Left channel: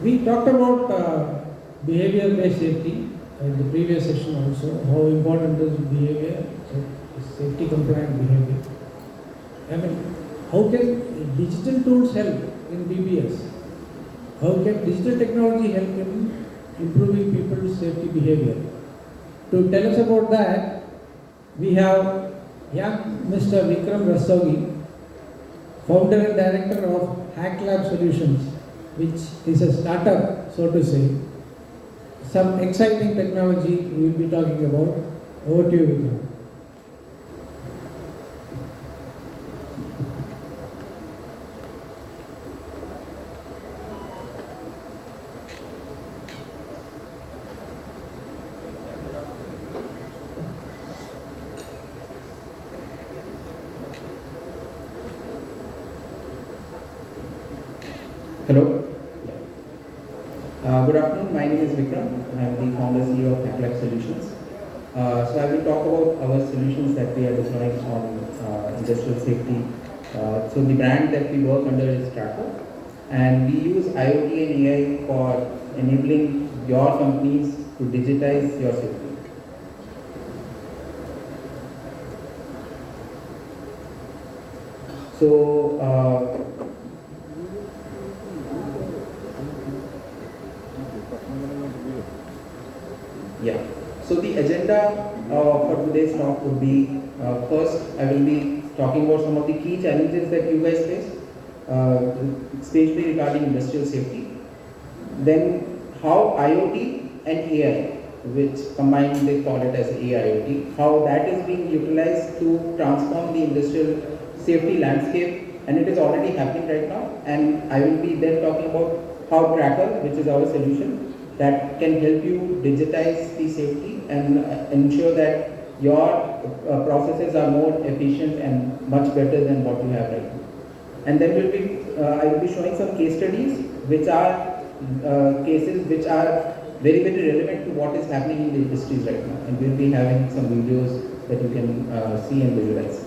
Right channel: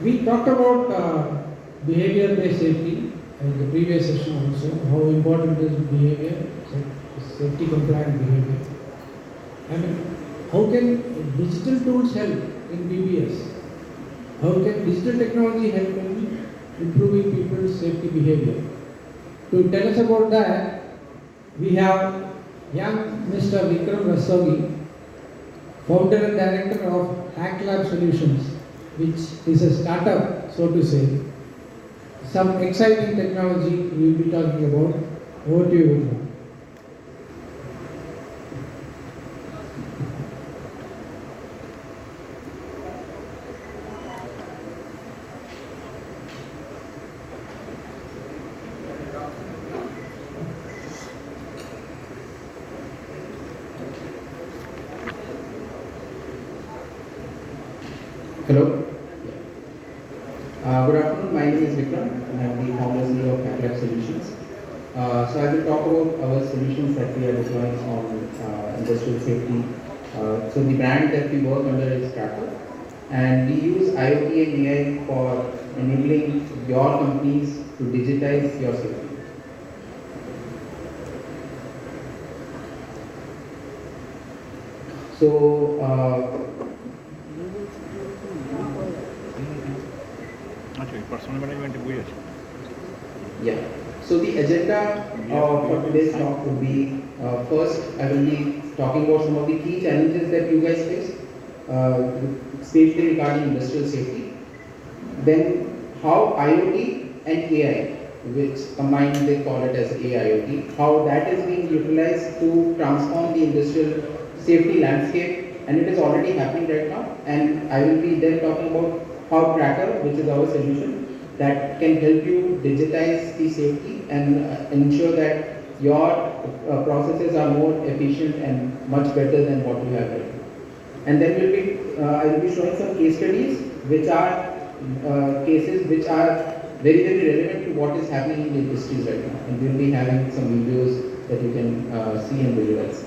We talked about behavior-based safety in the previous session also, how important is behavior, safety compliant behavior. I mean, how can digital tools help in BBS? How can digital technology help in improving people's safety behavior? To tell us about that, we have young Mr. Vikram Rastogi, founder and director of Hacklab Solutions, which is a startup, so to say. Some exciting technology we will be talking about. Over to you, Vikram. Hello. Good afternoon. My name is Vikram, and I am the founder CEO of Hacklab Solutions. So I will talk about our solutions that we are deploying on industrial safety. So the brand that we work under is Tracker, and we use IoT and AI for enabling your companies to digitize your safety. So. Yeah. So the agenda for today's talk would be first I will be talking about some of the key challenges that you guys face, especially regarding industrial safety. Then how IoT and AI, which combined they call it as AIoT, how that is being utilized to transform the industrial safety landscape, and it is already happening right now. And I will be then talking about how Tracker, which is our solution, that can help you digitize the safety and ensure that your processes are more efficient and much better than what you have right now. And then I will be showing some case studies, which are cases which are very, very relevant to what is happening in the industries right now. And we'll be having some videos that you can see and visualize.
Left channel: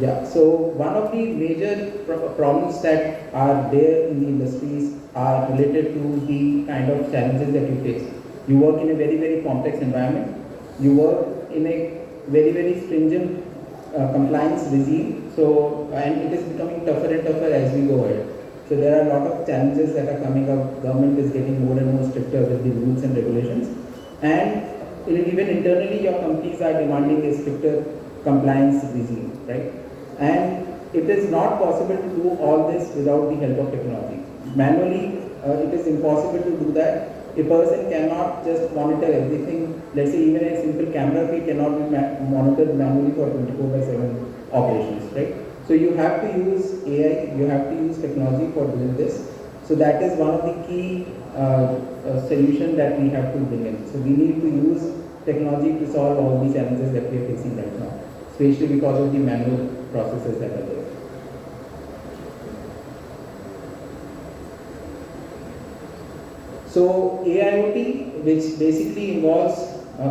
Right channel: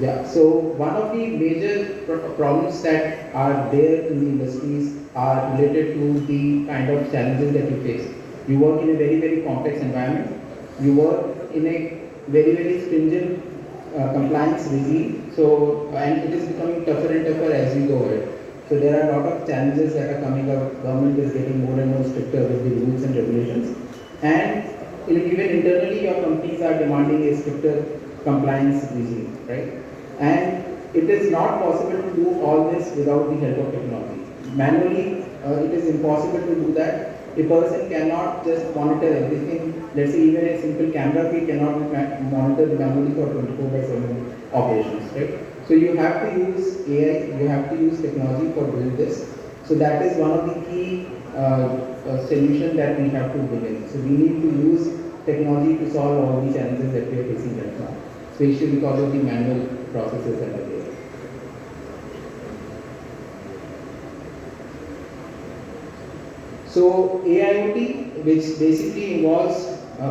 Yeah, so one of the major problems that are there in the industries are related to the kind of challenges that you face. You work in a very, very complex environment. You work in a very, very stringent compliance regime. So, and it is becoming tougher and tougher as we go ahead. So there are a lot of challenges that are coming up. Government is getting more and more stricter with the rules and regulations. And even internally, your companies are demanding a stricter compliance regime, right? And it is not possible to do all this without the help of technology. Manually, it is impossible to do that. A person cannot just monitor everything. Let's say even a simple camera feed cannot be monitored manually for 24/7 operations, right? So you have to use AI, you have to use technology for doing this. So that is one of the key solutions that we have to bring in. So we need to use technology to solve all the challenges that we are facing right now, especially because of the manual processes that are there. So AIoT, which basically involves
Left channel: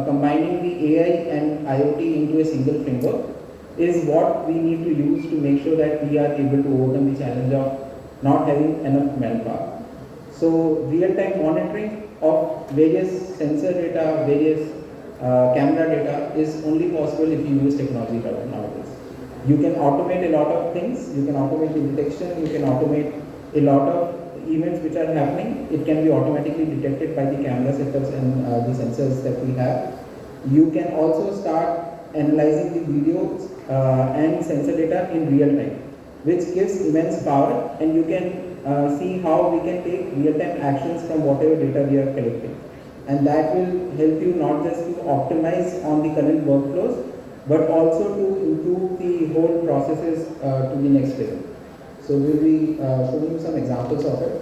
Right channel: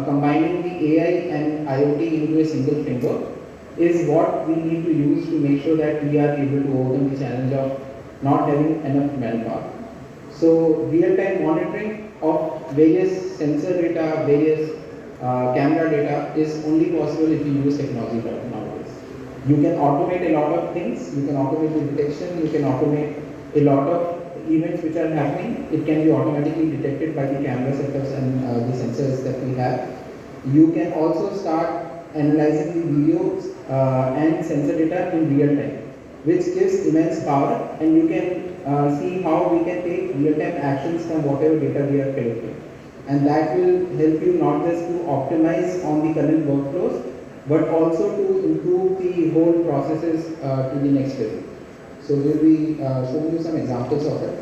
combining the AI and IoT into a single framework, is what we need to use to make sure that we are able to overcome the challenge of not having enough manpower. So real-time monitoring of various sensor data, various camera data is only possible if you use technology nowadays. You can automate a lot of things. You can automate the detection. You can automate a lot of events which are happening. It can be automatically detected by the camera setups and the sensors that we have. You can also start analyzing the videos and sensor data in real time, which gives immense power, and you can see how we can take real-time actions from whatever data we are collecting. And that will help you not just to optimize on the current workflows, but also to improve the whole processes to the next level. So we'll be showing you some examples of it.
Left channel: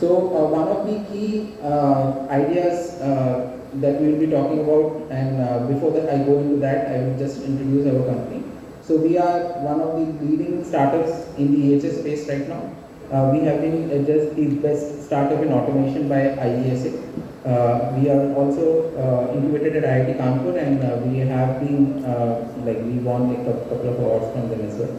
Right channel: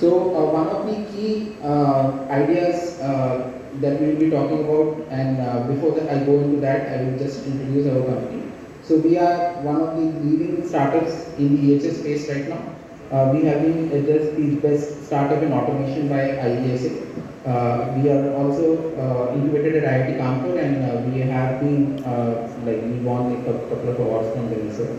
So one of the key ideas that we'll be talking about, and before that I go into that, I will just introduce our company. So we are one of the leading startups in the EHS space right now. We have been just the best startup in automation by IESA. We are also incubated at IIT Kanpur, and we have been we won a couple of awards from them as well.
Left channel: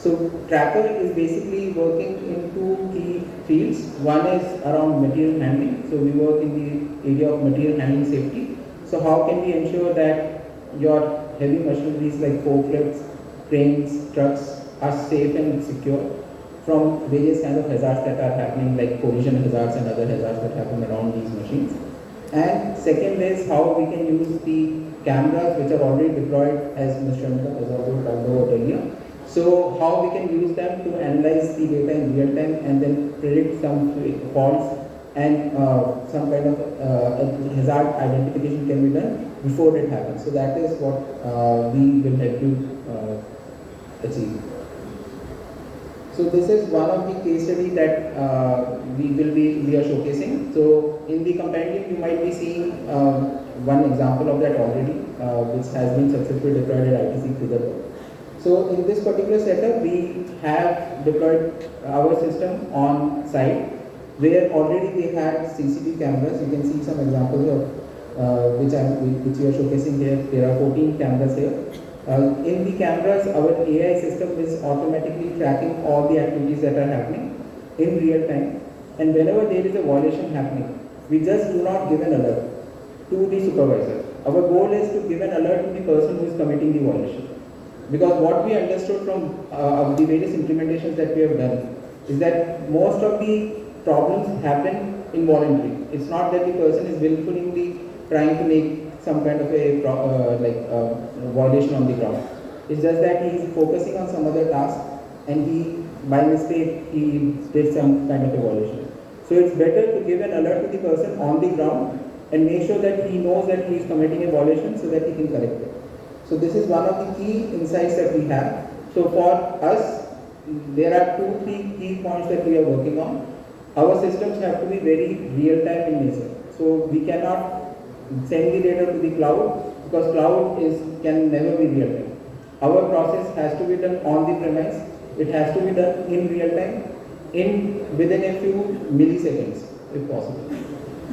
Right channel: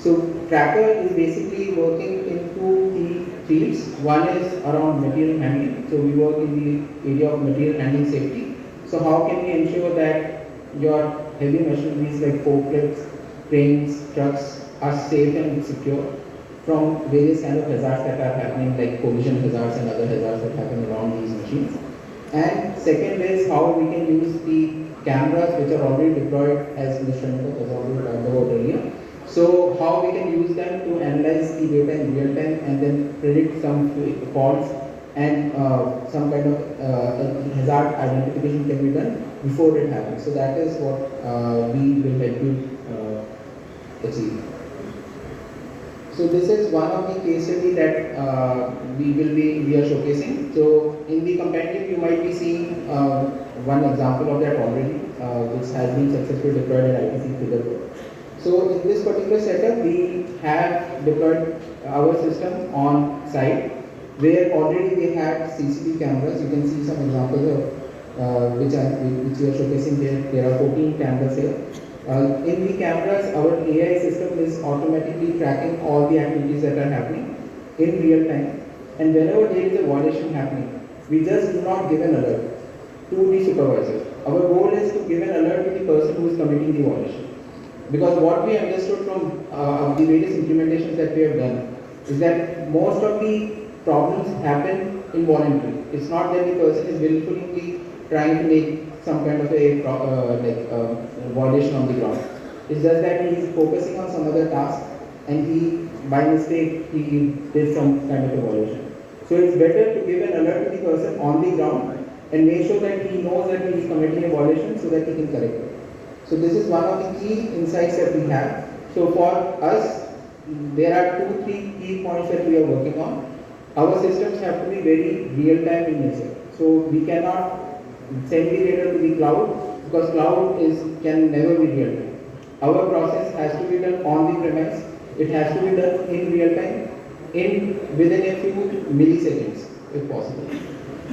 So tracker is basically working in two key fields. One is around material handling. So we work in the area of material handling safety. So how can we ensure that your heavy machineries like forklifts, cranes, trucks are safe and secure from various kind of hazards that are happening, like collision hazards and other hazards that happen around these machines. And second is how we can use the cameras which are already deployed, as Mr. Shankar has already talked about earlier. So how we can use them to analyze the data in real time and then predict some faults and some kind of hazard identification can be done before it happens. So that is what we will help you achieve. So this is one of the case study that we are showcasing. So in the compendium you might be seeing one example of that already, which has been successfully deployed at ITC Figure. So in this particular setup, we have deployed our system on site, where already they had CCTV cameras. You can see some examples of which we are showcasing here. There are 14 cameras here. In the cameras, our AI system is automatically tracking all the activities that are happening in real time. And whenever there is a violation happening, we just do not give an alert to the supervisor. Our goal is to give an alert to the person who is committing the violation. Because what we understood from the various implementations that we have done is that most of the problems happen involuntarily. It's not that the person is willfully trying to make some kind of a violation on the ground. It's just that he is focusing on some other task and he, by mistake, he did some kind of a violation. So it's better to give an alert to the person on the ground and make sure that he knows that he is committing a violation so that he can correct it. So this is one of the key insights that we have. So for us, there are 2-3 key points that we are working on. Our systems have to be very real-time in nature. So we cannot send the data to the cloud because cloud can never be real-time. Our process has to be done on the premise. It has to be done in real time, within a few milliseconds, if possible.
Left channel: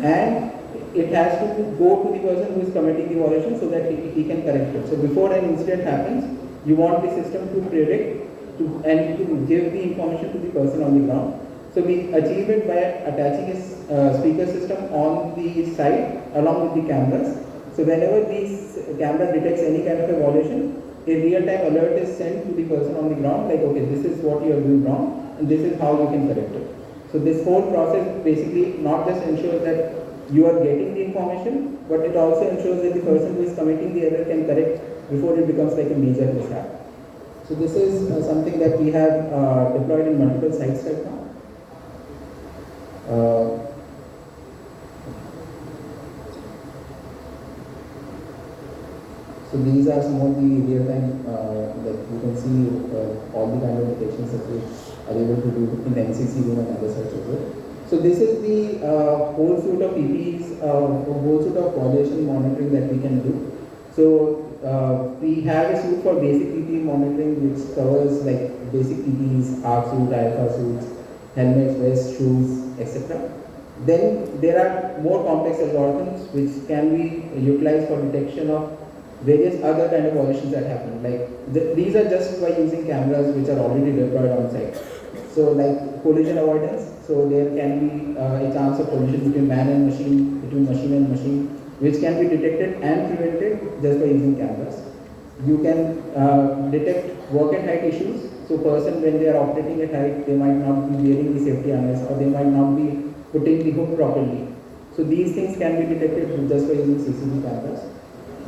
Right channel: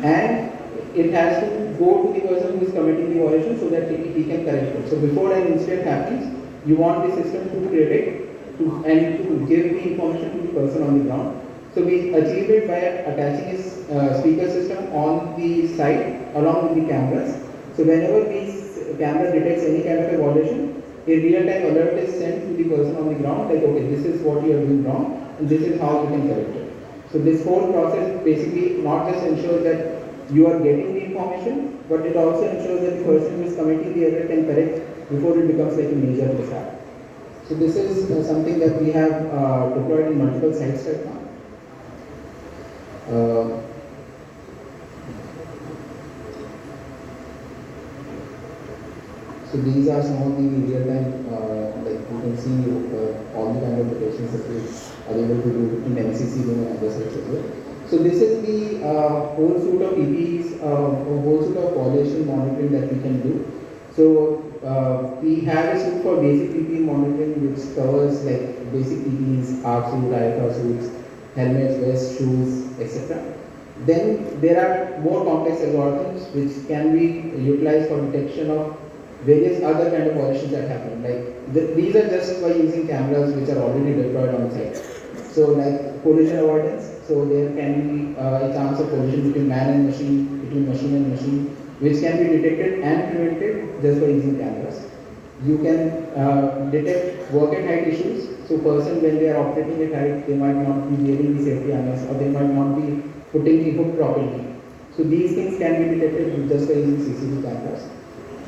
And it has to go to the person who is committing the violation so that he can correct it. So before an incident happens, you want the system to predict and to give the information to the person on the ground. So we achieve it by attaching a speaker system on the site along with the cameras. So whenever this camera detects any kind of a violation, a real-time alert is sent to the person on the ground, like, okay, this is what you are doing wrong, and this is how you can correct it. So this whole process basically not just ensures that you are getting the information, but it also ensures that the person who is committing the error can correct before it becomes like a major mishap. So this is something that we have deployed in multiple sites right now. So these are some of the real-time, like you can see all the kind of detections that we are able to do in MCC and other sites as well. So this is the whole suite of PPEs, whole suite of violation monitoring that we can do. So we have a suite for basic PPE monitoring, which covers like basic PPEs, ARC suit, IFR suits, helmets, vests, shoes, etc. Then there are more complex algorithms which can be utilized for detection of various other kind of violations that happen. Like these are just by using cameras which are already deployed on site. So like collision avoidance. So there can be a chance of collision between man and machine, between machine and machine, which can be detected and prevented just by using cameras. You can detect work at height issues. So person when they are operating at height, they might not be wearing the safety harness or they might not be putting the hook properly. So these things can be detected just by using CCTV cameras.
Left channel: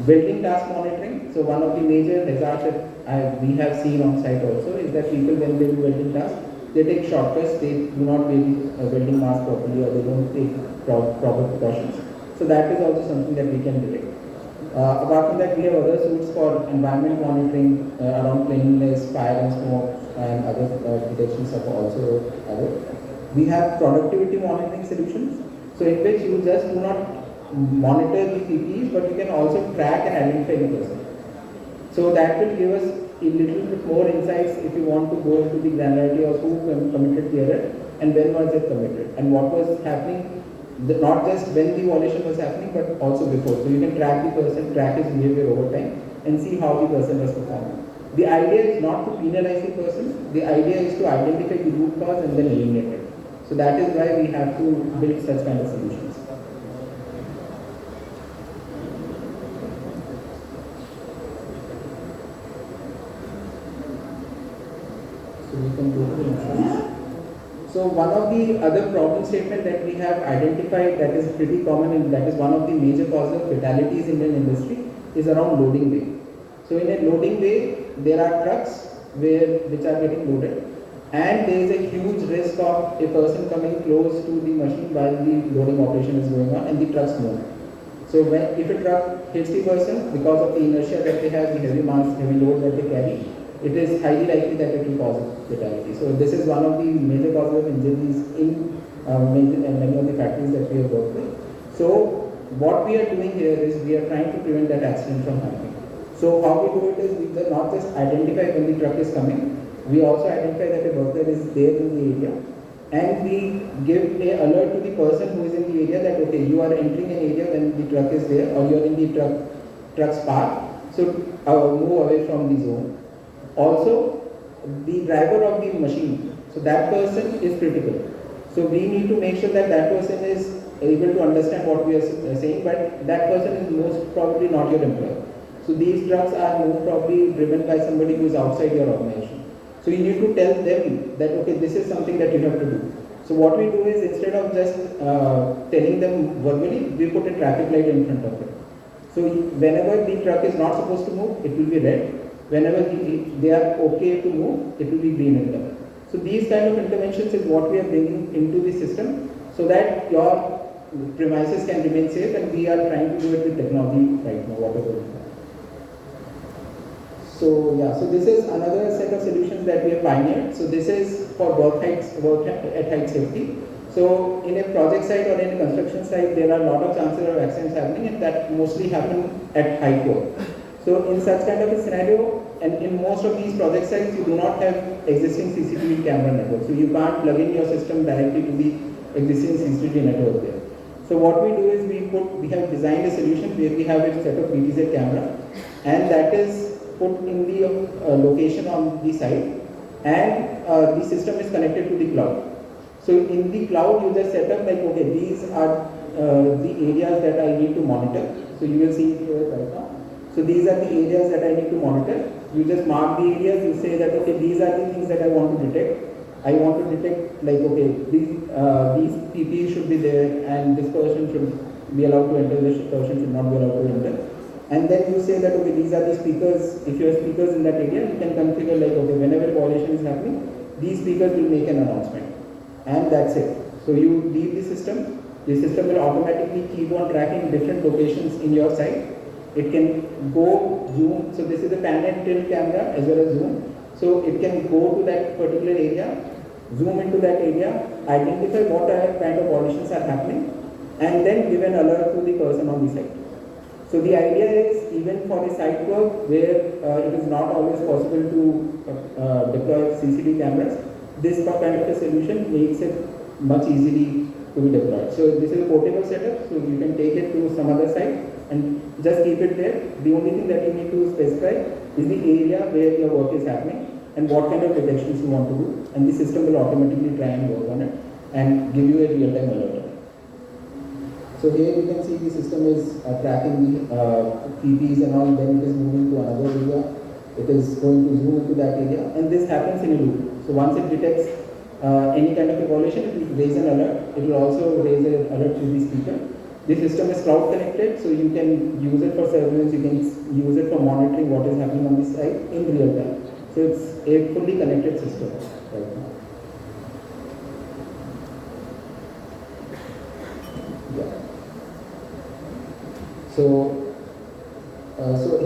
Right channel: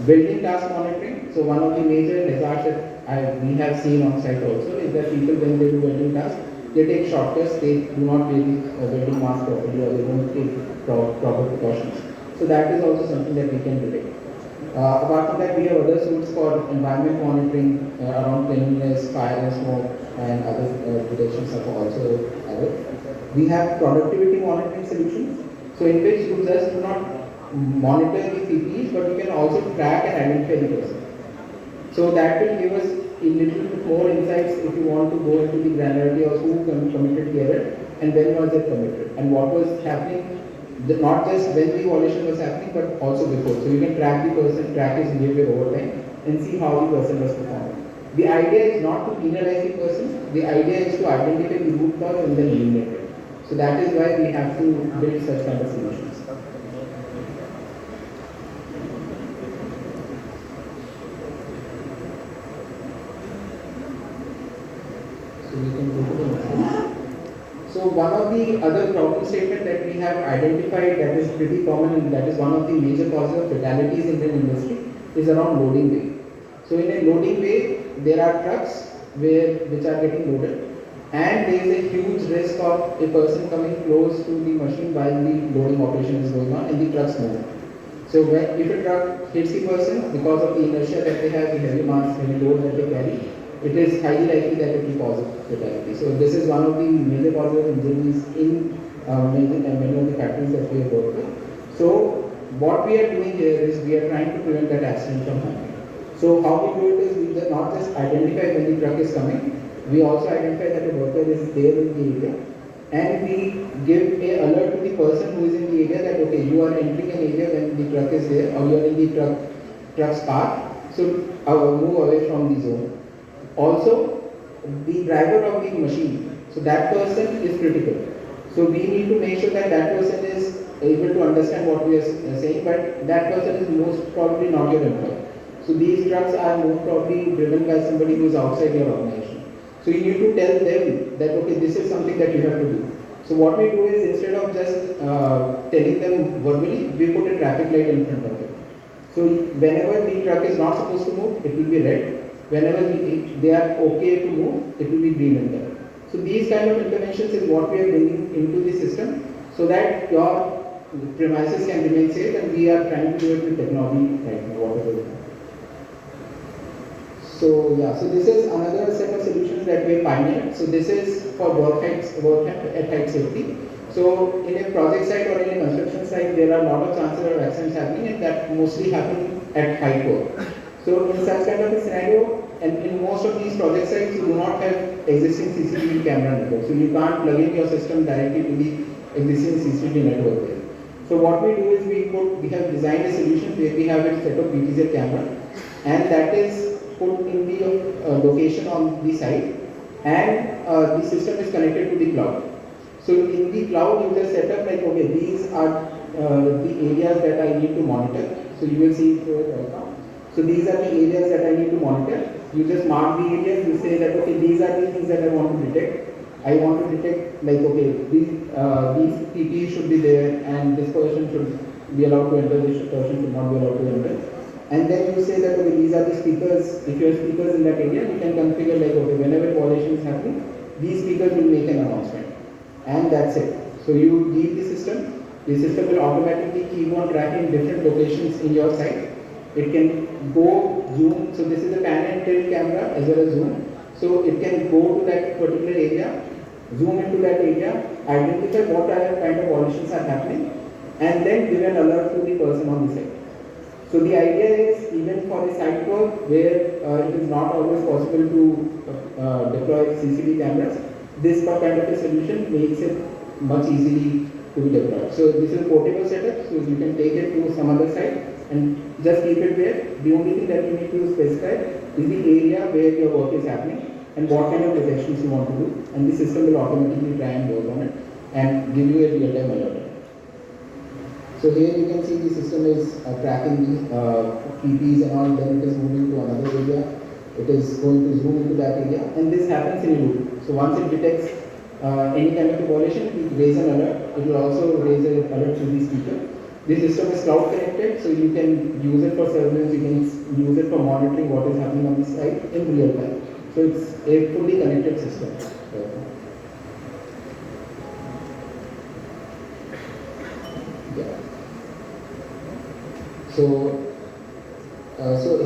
Building task monitoring. So one of the major hazards that we have seen on site also is that people when they do building tasks, they take shortcuts, they do not wear the building mask properly or they don't take proper precautions. So that is also something that we can detect. Apart from that, we have other suites for environment monitoring around cleanliness, fire and smoke and other detections are also added. We have productivity monitoring solutions, so in which you just do not monitor the PPEs, but you can also track and identify the person. So that will give us a little bit more insights if you want to go into the granularity of who committed the error and when was it committed and what was happening, not just when the violation was happening, but also before. So you can track the person, track his behavior over time and see how the person was performing. The idea is not to penalize the person, the idea is to identify the root cause and then eliminate it. So that is why we have to build such kind of solutions. So we can go to the next one. So one of the other problem statement that we have identified that is pretty common and that is one of the major causes of fatalities in the industry is around loading bay. So in a loading bay, there are trucks which are getting loaded, and there is a huge risk of a person coming close to the machine while the loading operation is going on and the trucks move. So if a truck hits the person, because of the inertia that they have, the heavy mass, heavy load that they carry, it is highly likely that it will cause fatality. So this is one of the major causes of injuries in many of the factories that we have worked with. So what we are doing here is we are trying to prevent that accident from happening. So how we do it is we not just identify when the truck is coming, we also identify that a worker is there in the area, and we give a alert to the person who is in the area that okay, you are entering an area when the truck is there, or you are in the truck's path, so move away from the zone. Also, the driver of the machine, so that person is critical. So we need to make sure that that person is able to understand what we are saying, but that person is most probably not your employer. So these trucks are most probably driven by somebody who is outside your organization. So you need to tell them that okay, this is something that you have to do. So what we do is instead of just telling them verbally, we put a traffic light in front of them. So whenever the truck is not supposed to move, it will be red. Whenever they are okay to move, it will be green in color. So these kind of interventions is what we are bringing into the system so that your premises can remain safe, and we are trying to do it with technology right now, whatever we have. So yeah, so this is another set of solutions that we have pioneered. So this is for work at height safety. So in a project site or in a construction site, there are a lot of chances of accidents happening, and that mostly happen at height work. So in such kind of a scenario, and in most of these project sites, you do not have existing CCTV camera network. So you can't plug in your system directly to the existing CCTV network there. So what we do is we have designed a solution where we have a set of BTZ camera, and that is put in the location on the site, and the system is connected to the cloud. So in the cloud, you just set up like, okay, these are the areas that I need to monitor. So you will see through it right now. So these are the areas that I need to monitor. You just mark the areas, you say that, okay, these are the things that I want to detect. I want to detect like, okay, these PPE should be there, and this person should be allowed to enter, this person should not be allowed to enter. And then you say that, okay, these are the speakers. If you have speakers in that area, you can configure like, okay, whenever violation is happening, these speakers will make an announcement. And that's it. So you leave the system will automatically keep on tracking different locations in your site. It can go zoom, so this is a pan and tilt camera as well as zoom. So it can go to that particular area, zoom into that area, identify what kind of violations are happening, and then give an alert to the person on the site. So the idea is, even for a site work where it is not always possible to deploy CCTV cameras, this kind of a solution makes it much easily to be deployed. So this is a portable setup, so you can take it to some other site and just keep it there. The only thing that you need to specify is the area where your work is happening and what kind of detections you want to do, and the system will automatically try and work on it and give you a real-time alert. So here you can see the system is tracking the PPs and all, then it is moving to another area. It is going to zoom into that area, and this happens in a loop. So once it detects any kind of a violation, it will raise an alert. It will also raise an alert to the speaker. The system is cloud connected, so you can use it for surveillance, you can use it for monitoring what is happening on the site in real time. So it's a fully connected system. So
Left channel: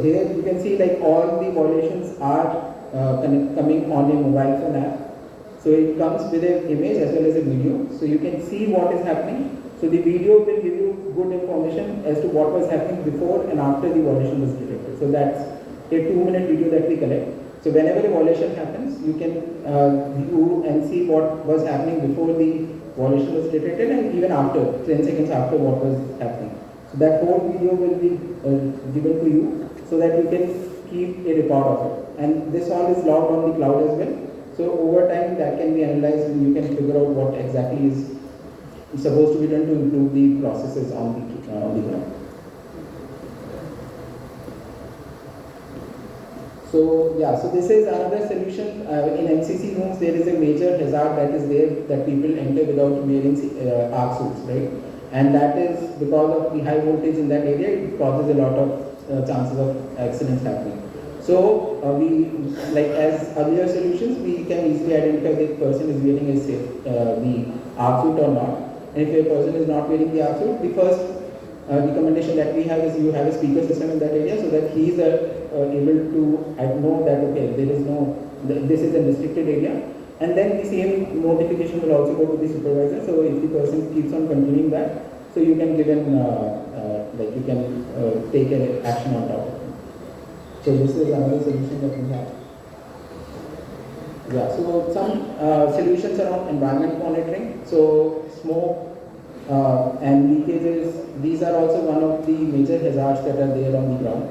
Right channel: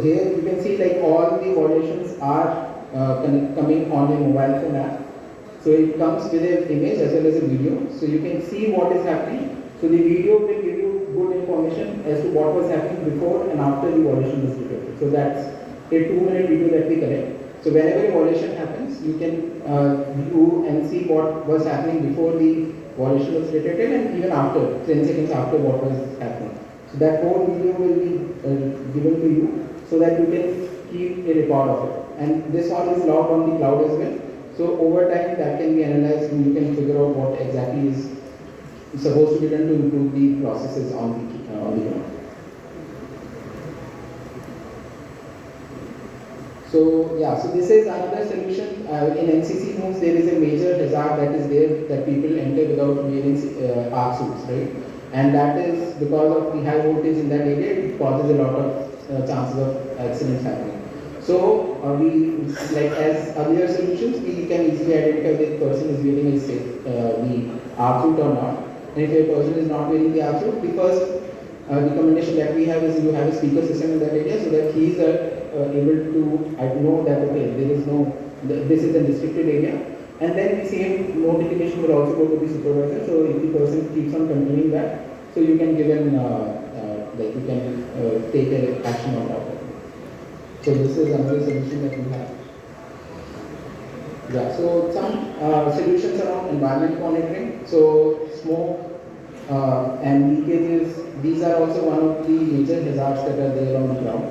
here you can see like all the violations are coming on a mobile phone app. So it comes with an image as well as a video. So you can see what is happening. So the video will give you good information as to what was happening before and after the violation was detected. So that's a 2-minute video that we collect. So whenever a violation happens, you can view and see what was happening before the violation was detected and even after, 10 seconds after what was happening. So that whole video will be given to you so that you can keep a record of it. and this one is logged on the cloud as well. So over time that can be analyzed and you can figure out what exactly is supposed to be done to improve the processes on the ground. So yeah, so this is another solution. In NCC rooms, there is a major hazard that is there that people enter without wearing arc suits, right? And that is because of the high voltage in that area, it causes a lot of chances of accidents happening. So we, like as earlier solutions, we can easily identify that the person is wearing the arc suit or not. And if a person is not wearing the arc suit, because the recommendation that we have is you have a speaker system in that area so that he is able to know that okay, there is no, this is a restricted area, and then the same notification will also go to the supervisor. So if the person keeps on continuing that, so you can give him like you can take an action on that. So this is another solution that we have. Yeah. So some solutions around environment monitoring. So smoke and leakages. These are also one of the major hazards that are there on the ground.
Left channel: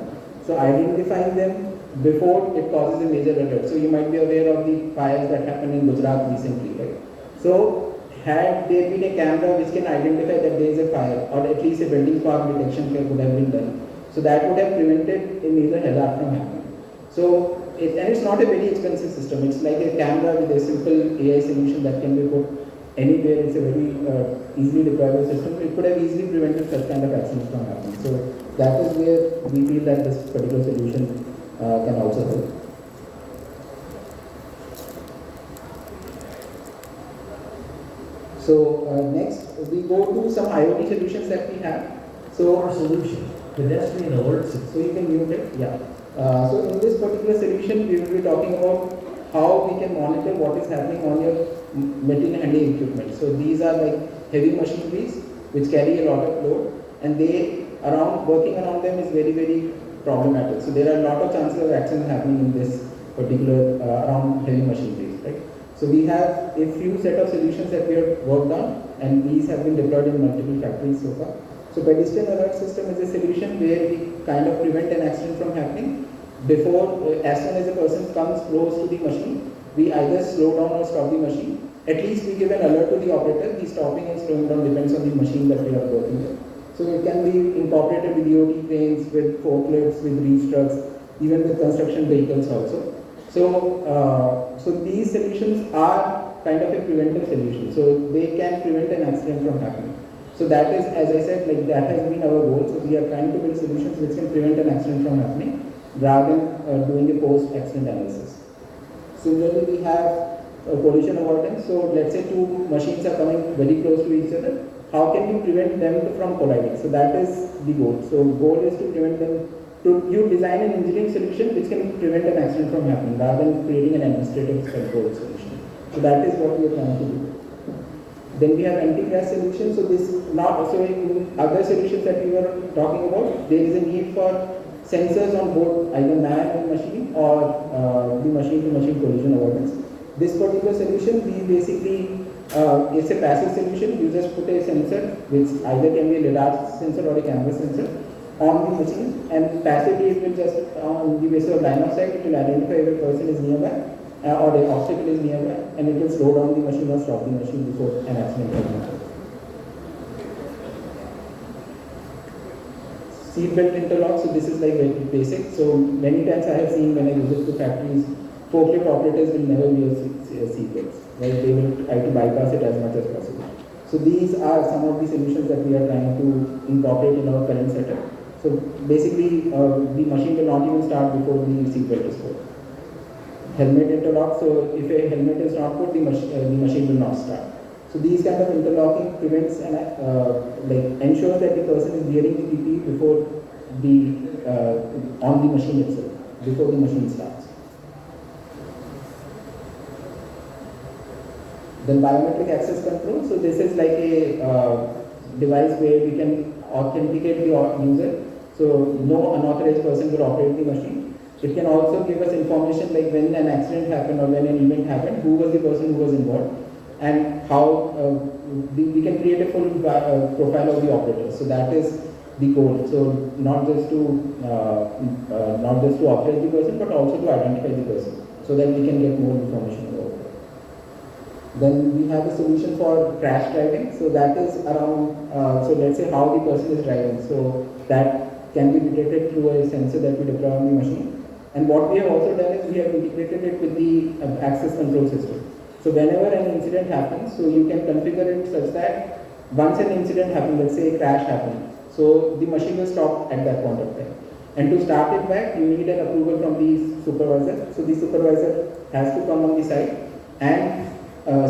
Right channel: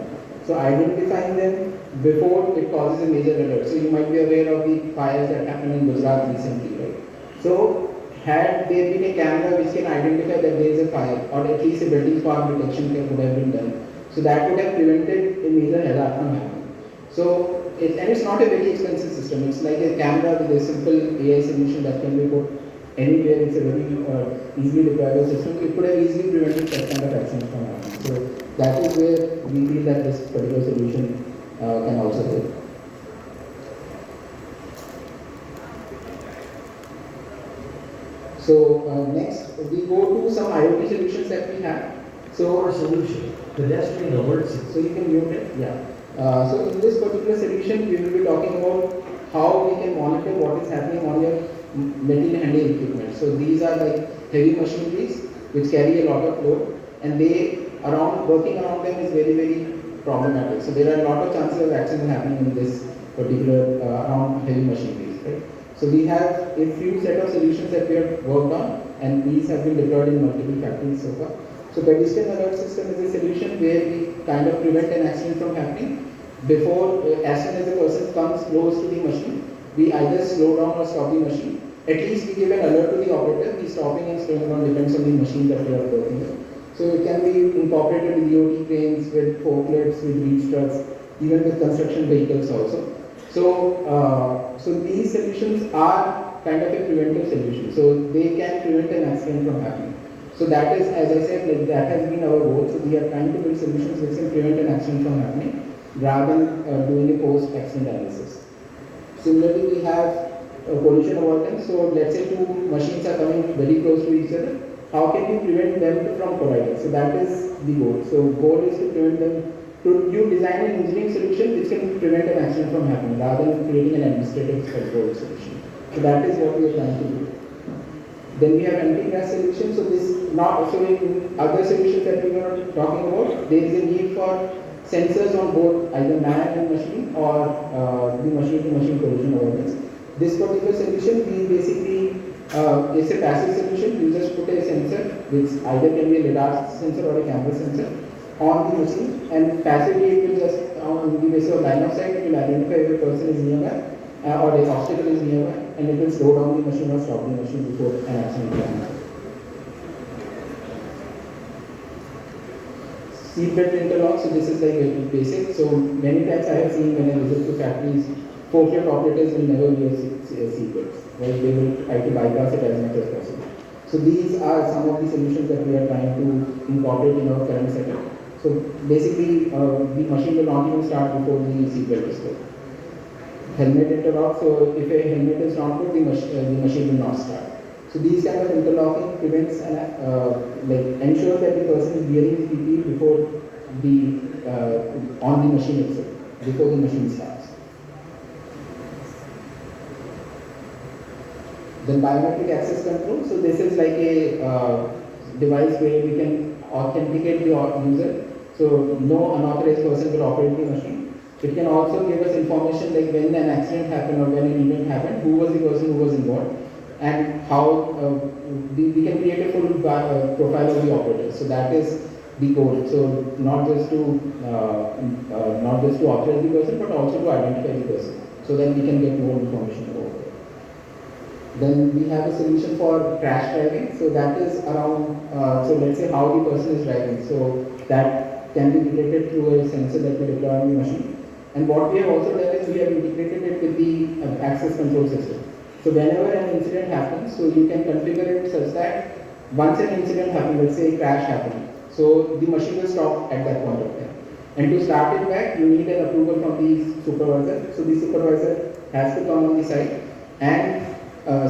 So identifying them before it causes a major alert. So you might be aware of the fires that happened in Gujarat recently, right? So had there been a camera which can identify that there is a fire, or at least a building spark detection could have been done, so that would have prevented a major hazard from happening. So and it's not a very expensive system. It's like a camera with a simple AI solution that can be put anywhere. It's a very easily deployable system. It could have easily prevented such kind of accidents from happening. So that is where we feel that this particular solution can also help. So next we go to some IoT solutions that we have. So Our solution, pedestrian alert system. so you can mute it. Yeah. So in this particular solution, we will be talking about how we can monitor what is happening on your material handling equipment. So these are like heavy machineries which carry a lot of load, and working around them is very, very problematic. So there are a lot of chances of accidents happening in this particular around heavy machineries, right? So we have a few set of solutions that we have worked on, and these have been deployed in multiple factories so far. So pedestrian alert system is a solution where we kind of prevent an accident from happening before, as soon as the person comes close to the machine, we either slow down or stop the machine. At least we give an alert to the operator. The stopping and slowing down depends on the machine that we are working with. So it can be incorporated with DOT cranes, with forklifts, with reach trucks, even with construction vehicles also. So these solutions are kind of a preventive solution. So they can prevent an accident from happening. So that is, as I said, like that has been our goal. So we are trying to build solutions which can prevent an accident from happening rather than doing a post-accident analysis. Similarly, we have collision avoidance. So let's say two machines are coming very close to each other. How can we prevent them from colliding? So that is the goal. So goal is to prevent them. You design an engineering solution which can prevent an accident from happening rather than creating an administrative control solution. So that is what we are trying to do. Then we have anti-crash solutions. So this not so in other solutions that we were talking about, there is a need for sensors on board either man and machine or the machine-to-machine collision avoidance. This particular solution, we basically it's a passive solution. We just put a sensor, which either can be a lidar sensor or a camera sensor, on the machine, and passively it will just on the basis of line of sight, it will identify if a person is nearby or the obstacle is nearby, and it will slow down the machine or stop the machine before an accident happens. Seatbelt interlock, so this is like a basic. So many times I have seen when I visit to factories, forklift operators will never wear seatbelts. Right? They will try to bypass it as much as possible. So these are some of the solutions that we are trying to incorporate in our current setup. So basically, the machine will not even start before the seatbelt is put. Helmet interlock, so if a helmet is not put, the machine will not start. So these kind of interlocking prevents ensures that the person is wearing the PPE before on the machine itself, before the machine starts. Then biometric access control. So this is like a device where we can authenticate the user. So no unauthorized person will operate the machine. It can also give us information like when an accident happened or when an event happened, who was the person who was involved, and how we can create a full profile of the operator. So that is the goal. So not just to authorize the person, but also to identify the person, so that we can get more information over it. Then we have a solution for crash driving. So that is around, so let's say how the person is driving. So that can be detected through a sensor that we deploy on the machine. And what we have also done is we have integrated it with the access control system. So whenever an incident happens, so you can configure it such that once an incident happens, let's say a crash happened, so the machine will stop at that point of time. And to start it back, you need an approval from the supervisor. So the supervisor has to come on the site and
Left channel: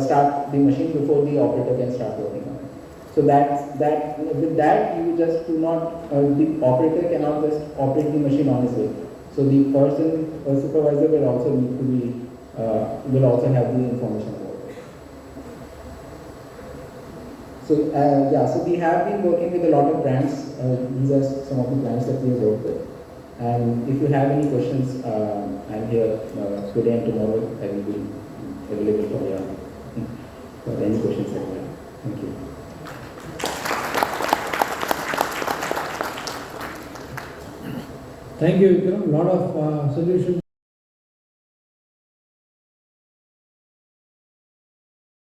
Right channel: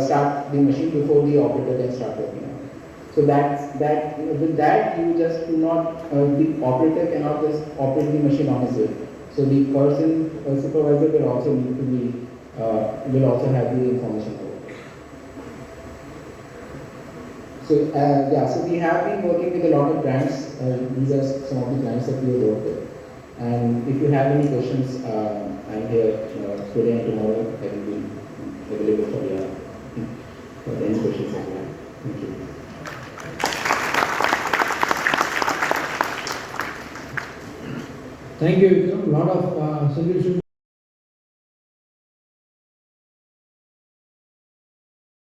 start the machine before the operator can start working on it. So that with that you just do not, the operator cannot just operate the machine on his own. So the person, supervisor will also need to be, will also have the information about it. So so we have been working with a lot of brands. These are some of the clients that we work with. And if you have any questions, I'm here today and tomorrow. I will be available for any questions. Thank you. Thank you, Vikram. A lot of solutions.